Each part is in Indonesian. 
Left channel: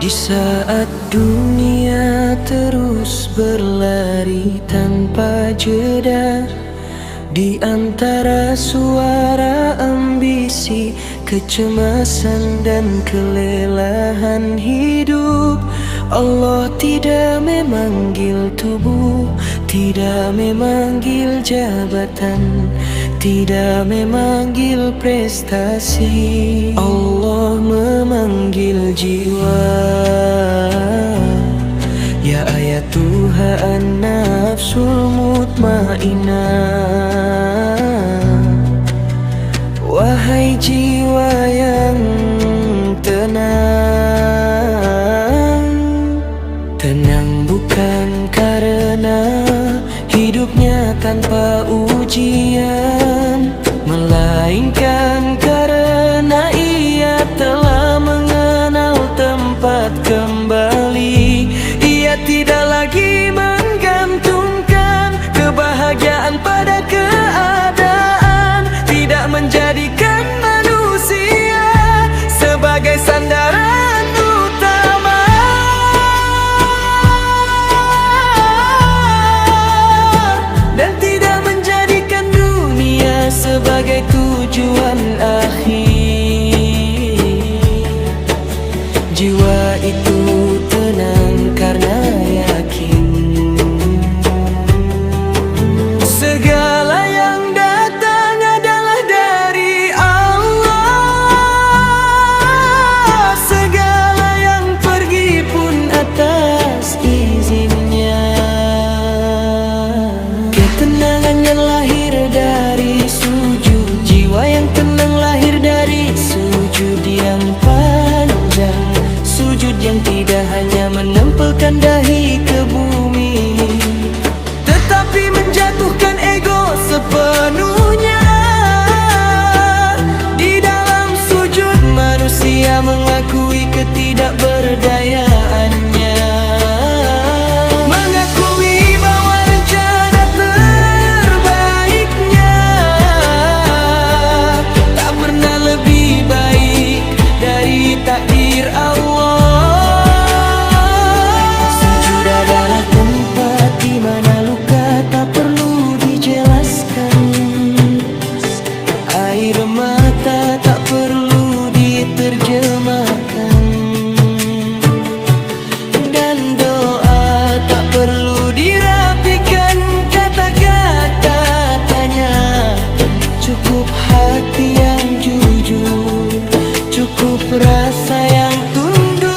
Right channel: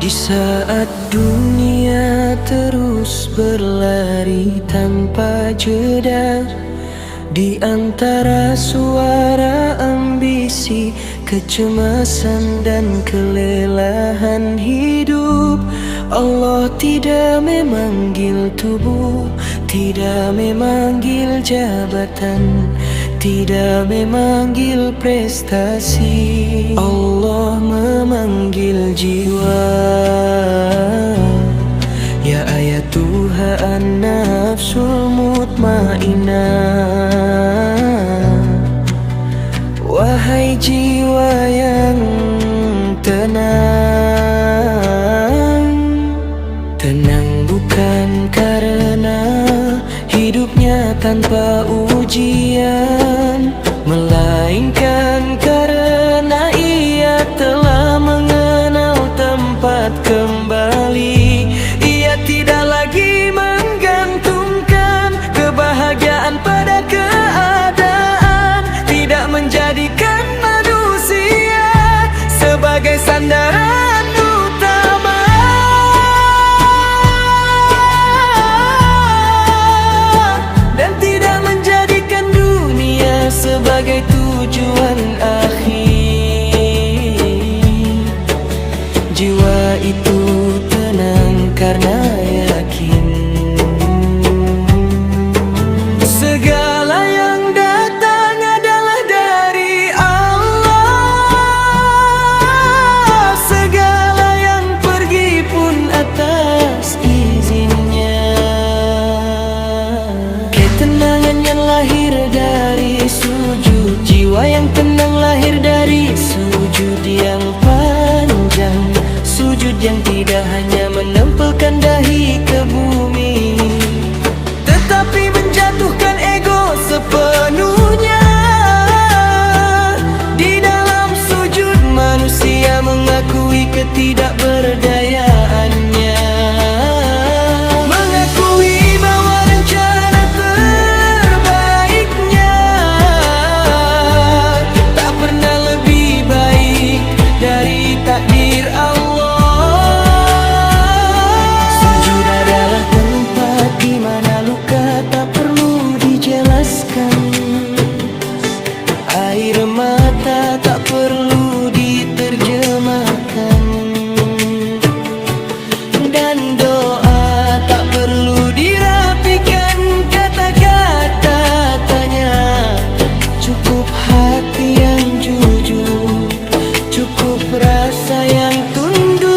Di saat dunia terus berlari tanpa jeda, di antara suara ambisi, kecemasan dan kelelahan hidup, Allah tidak memanggil tubuh, tidak memanggil jabatan, tidak memanggil prestasi. Allah memanggil jiwa. Ya ayatuha an-nafsul mutmainah, wahai jiwa yang tenang. Tenang bukan karena hidupnya tanpa ujian, melainkan karena ia telah mengenal tempat kembali. Ia tidak lagi menggantungkan kebahagiaan pada keadaan, tidak menjadikan manusia sebagai sandaran utama, dan tidak menjadikan dunia sebagai tujuan akhir. Jiwa itu tenang karena yakin segala yang datang adalah dari Allah, segala yang pergi pun atas izinnya. Ketenangan yang lahir dari sujud, jiwa yang tenang lahir dari sujud yang panjang, sujud yang tidak hanya menempelkan dahi ke bumi, tetapi menjatuhkan ego sepenuhnya. Di dalam sujud manusia mengakui ketidakberdayaannya, mengakui bahwa rencana terbaiknya tak pernah lebih baik dari takdir Allah. Sujud adalah tempat di mana luka tak perlu dijelaskan, air mata tak perlu diterjemahkan, dan doa tak perlu dirapikan kata-kata tanya. Cukup hati yang jujur, cukup rasa yang tunduk.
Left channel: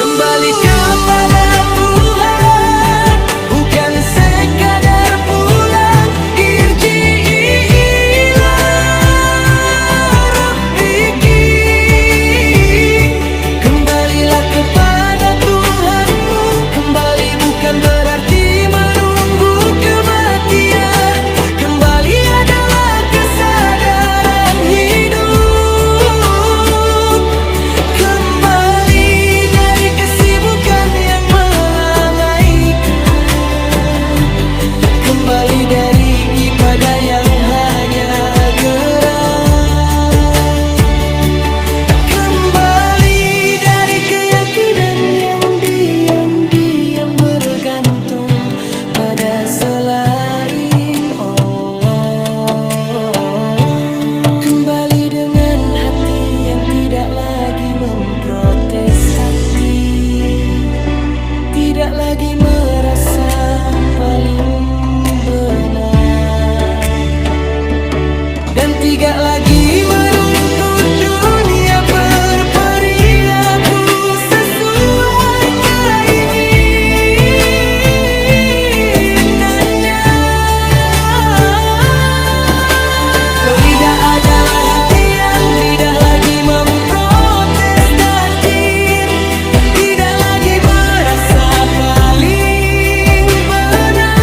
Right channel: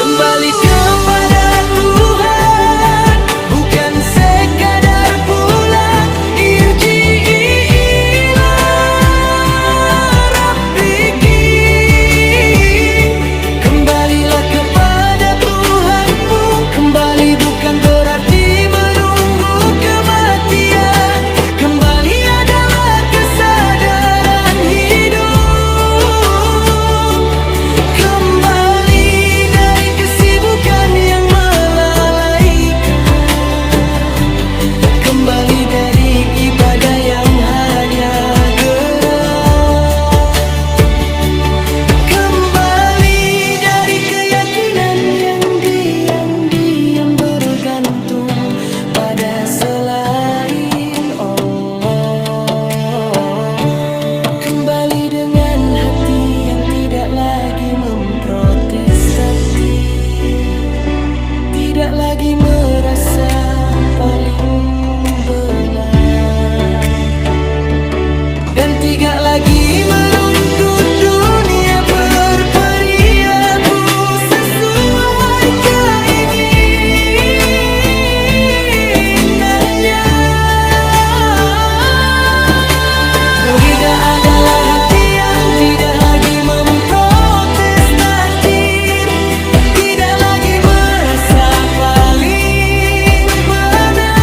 Kembali kepada Tuhan, bukan sekadar pulang. Irji'i ila rabbiki, kembalilah kepada Tuhanmu. Kembali bukan berarti menunggu kematian, kembali adalah kesadaran hidup. Kembali dari kesibukan yang melalaikan, kembali dari ibadah yang hanya gerak, kembali dari keyakinan yang diam-diam bergantung pada selain Allah. Kembali dengan hati yang tidak lagi memprotestasi, tidak lagi merasa paling benar, dan tidak lagi menuntut dunia berperilaku sesuai keinginannya. Ridha adalah hati yang tidak lagi memprotes takdir, tidak lagi merasa paling benar,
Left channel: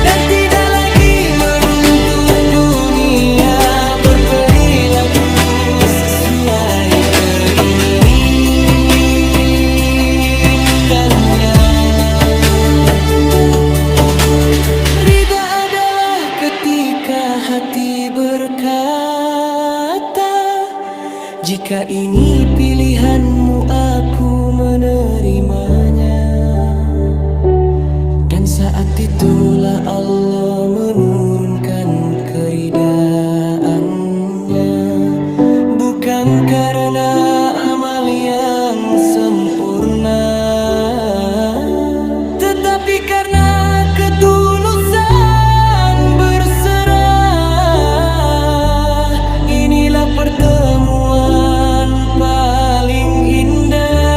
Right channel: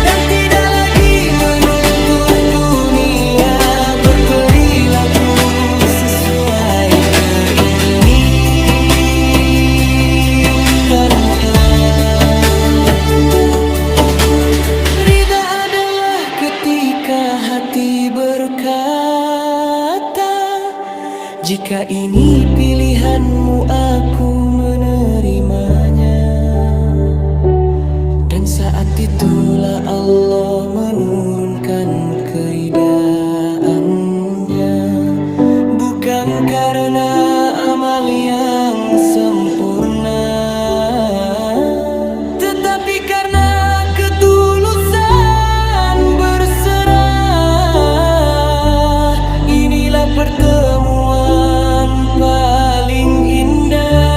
dan tidak lagi menuntut dunia berperilaku sesuai keinginannya. Ridha adalah ketika maka hati berkata, jika ini pilihanmu aku menerimanya. Dan saat itulah Allah menurunkan keridaannya, bukan karena amal yang sempurna, tetapi karena ketulusan berserah. Inilah pertemuan paling indah.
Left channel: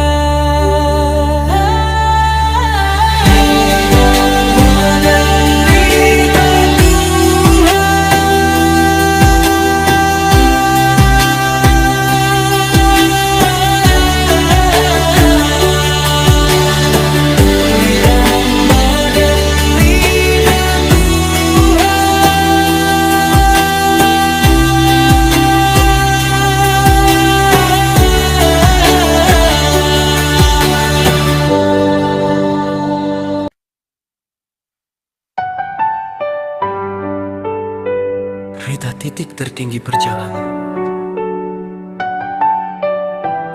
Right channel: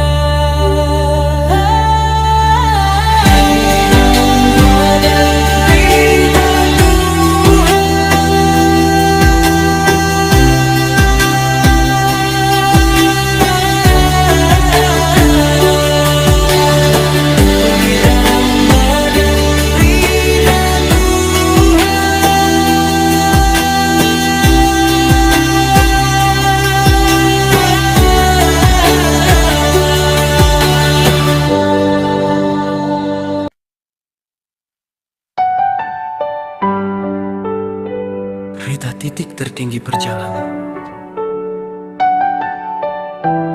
Rida titik tertinggi perjalanan,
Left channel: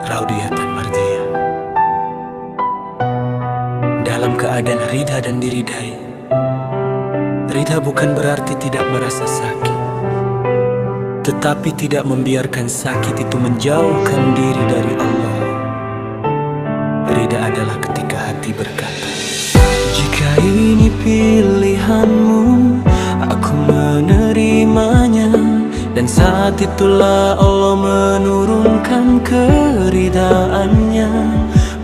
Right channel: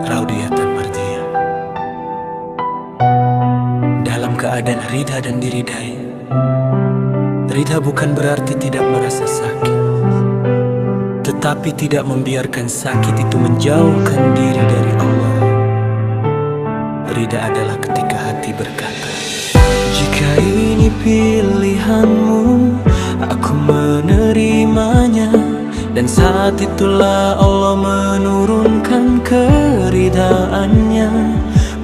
Raudiyatan Mardiyah. Dalam keadaan Rida dan diridai, Rida bukan berarti tidak merasa sakit, tetapi tidak membiarkan sakit itu menjauhkan diri dari Allah. Rida adalah ketika hati berkata, jika ini pilihanmu, aku menerimanya. Dan saat itulah Allah menurunkan keridaannya,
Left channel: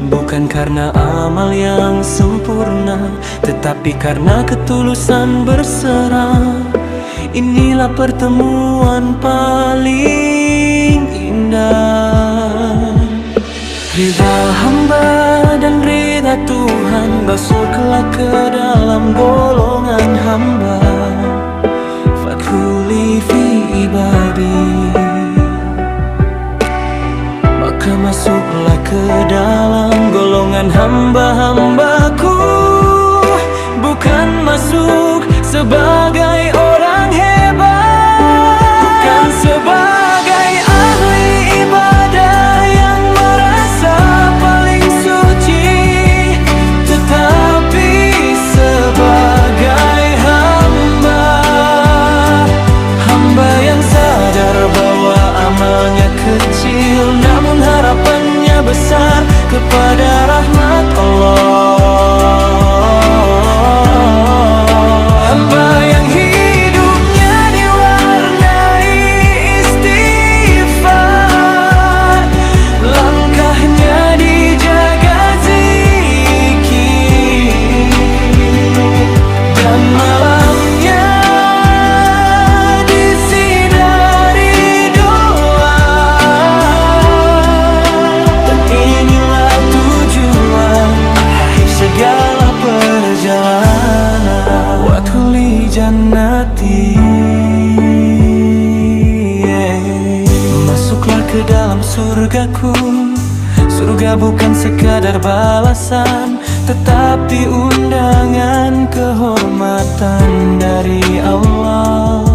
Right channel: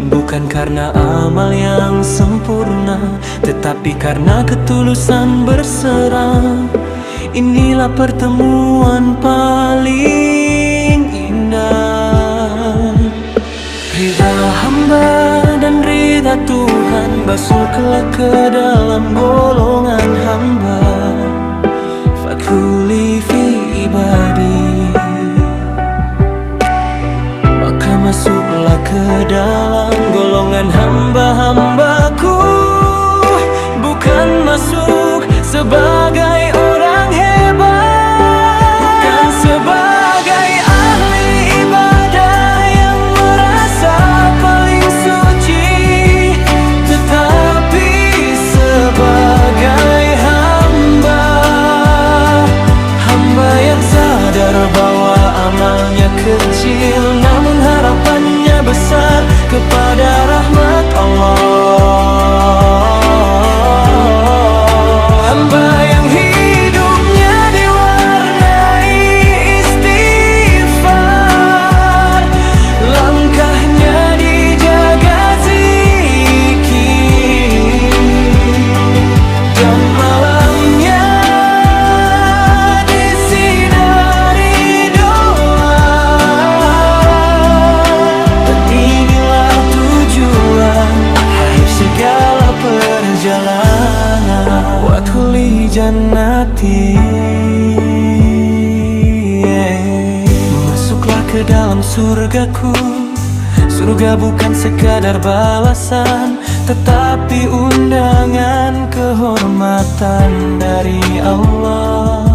bukan karena amal yang sempurna, tetapi karena ketulusan berserah. Inilah pertemuan paling indah. Ridha hamba dan ridha Tuhan, masuklah ke dalam golongan hamba. Fadkhuli fi ibadi, maka masuklah ke dalam golongan hamba-hambaku. Bukan masuk sebagai orang hebat, bukan sebagai ahli ibadah yang merasa paling suci, tetapi sebagai hamba yang sadar bahwa amalnya kecil, namun harapannya besar kepada rahmat Allah. Hamba yang hidupnya diwarnai istighfar, langkahnya dijaga zikir, dan malamnya disinari doa. Dan inilah tujuan akhir segala perjalanan. Wadkhuli jannati, masuklah ke dalam surgaku. Surga bukan sekadar balasan, tetapi undangan kehormatan dari Allah.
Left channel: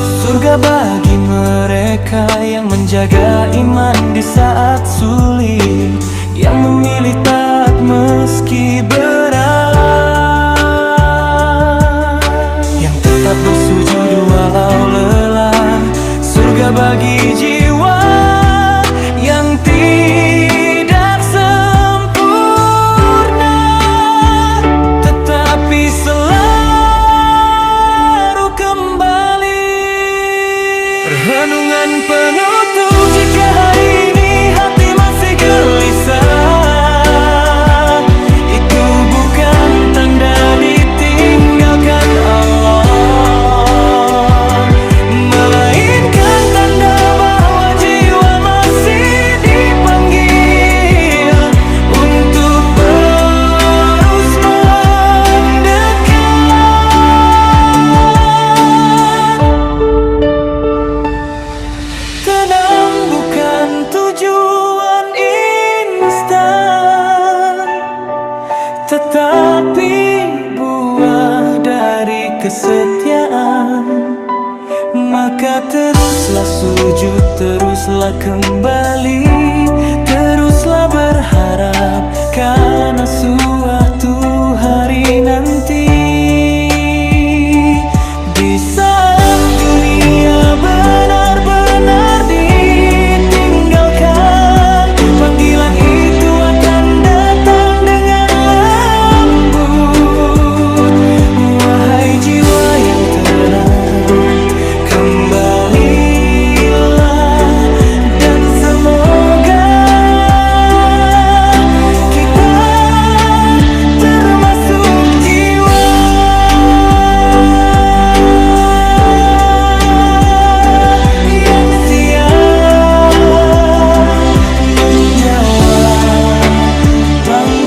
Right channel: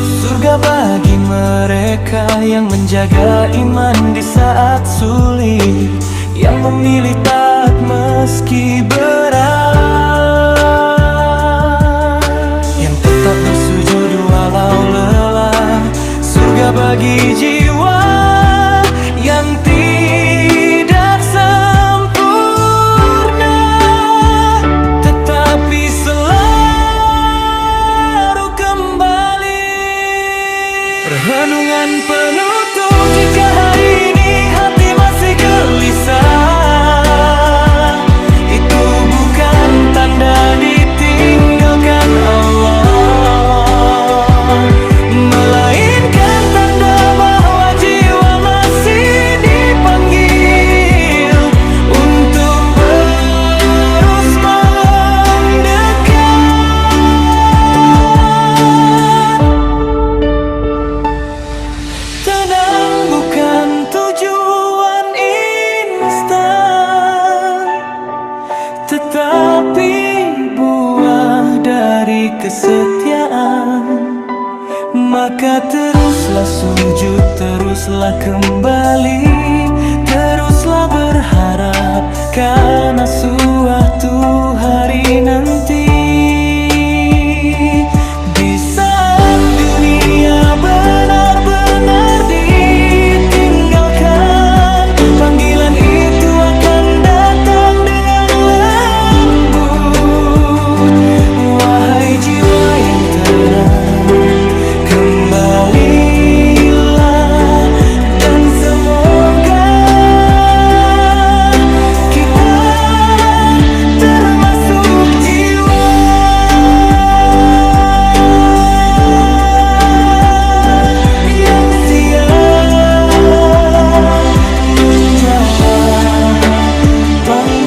Surga bagi mereka yang menjaga iman di saat sulit, yang memilih taat meski berat, yang tetap bersujud walau lelah. Surga bagi jiwa yang tidak sempurna, tetapi selalu kembali. Renungan penutup, jika hari ini hati masih gelisah, itu bukan tanda ditinggalkan Allah, melainkan tanda bahwa jiwa masih dipanggil untuk terus mendekat. Tenang, bukan tetapi buah dari kesetiaan. Maka teruslah sujud, teruslah kembali, teruslah berharap karena suatu hari nanti. Di saat dunia benar-benar ditinggalkan, panggilan itu akan datang dengan lembut. Wahai jiwa yang tenang, kembalilah dan semoga kita termasuk jiwa yang siap menjawab panggilan